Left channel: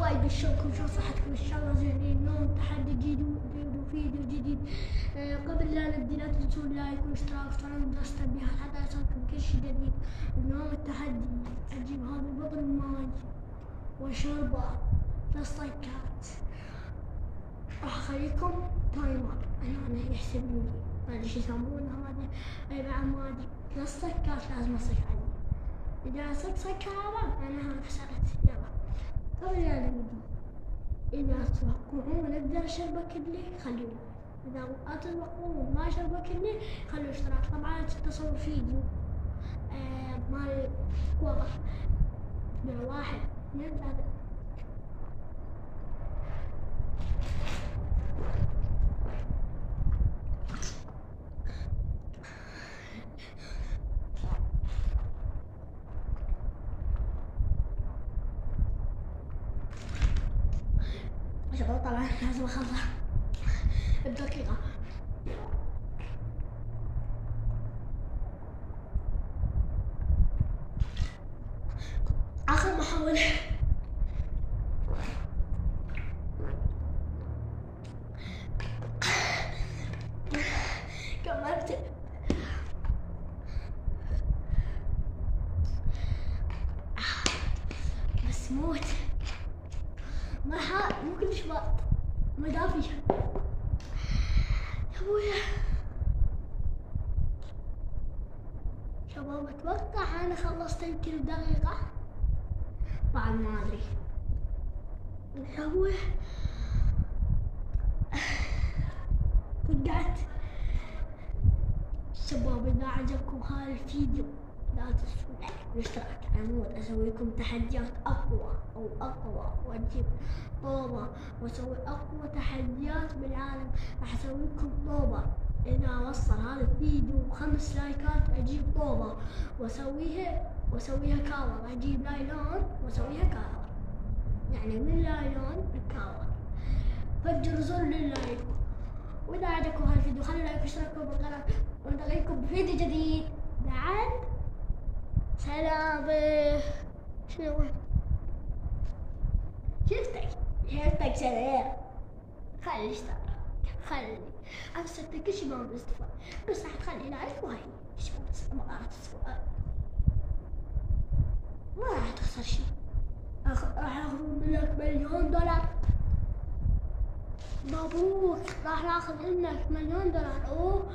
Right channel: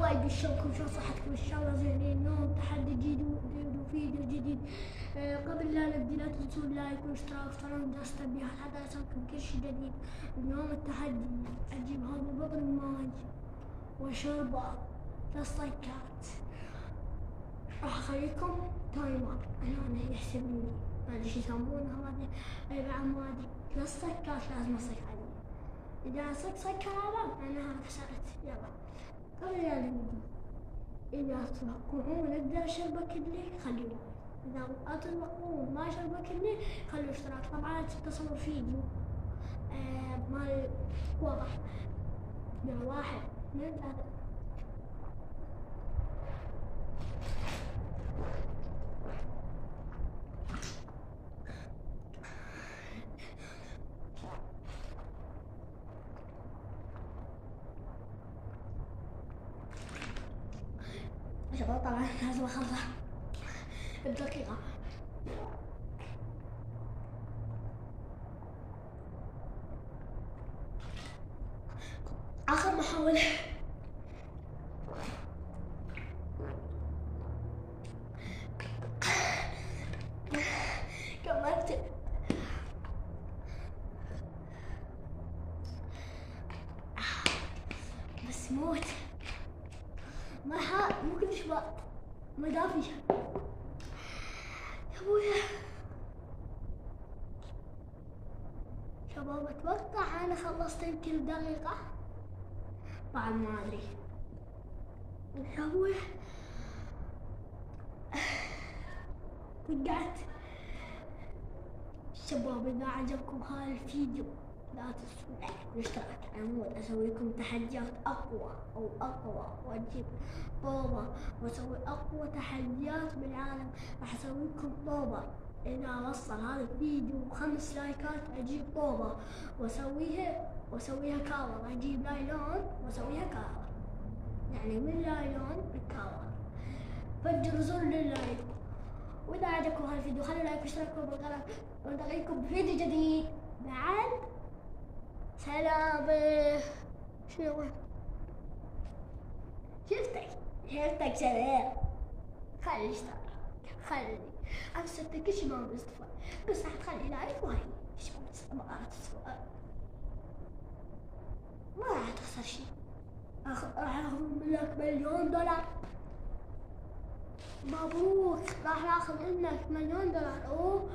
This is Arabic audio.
وايد بالشوكم، شو صحتكم؟ ان شاء الله زينين. اليوم تحدي جديد وفيديو جديد. قبل لا نبدي لا تنسون لايك واشتراك وتفعلون جرس التنبيهات حتى يصلكم كل شيء جديد. اليوم التحدي اجيب هذا بطل ماي وشوربة 3 صيكات. راح اخليكم تايمر هنا يحسب لي ما ادري شو يسمونه هذا، اي بعد ما ادري 3 صيكات لازم اصك عليه. اذا صك هذا معناها خسرت. يلا قبل لا نبدي، إذا تتوقعون أقدر أشربك اللي خلوه، إذا أتوقعون ما أشربك اللي خلوا اشتراك. طبعا تصور فيديو مال واضح. 1 2 3. شباب طبعا لازم أخلص بدقيقة. آخر محاولة. كملت. بس موت مو كلش بارد، ما دافي يا ابويا. شباب اتوقع انا خلصت يمكن دقيقة، بعد ما ادري يا ابويا. وقعت. شباب اذا عجبكم هذا الفيديو لا تنسوا لايك والاشتراك. عمود اسوي لكم تحديات اقوى واجيب طوبة واسوي اقوى تحديات بالعالم. راح اسوي لكم طوبة اذا وصل هذا الفيديو 5 لايكات اجيب طوبة واسويها كاور. اجيب لايلون واسويها كاور، يعني من لايلون لكاور. فجروا زر لللايك. واذا عجبكم هذا الفيديو خلوا لايك واشتركوا بالقناة ونلقاكم بفيديو جديد. بعد سلام. شنو شفتك سلام. خلي اشتراك، خلي امسكتك كل شي ما بالاستفاد، بس راح تخلي لايك وهي ايش ما السؤال. ما راح تخسر شي. راح اخذ منك $1,000,000. مبروك، راح ناخذ منك $1,000,000. اوه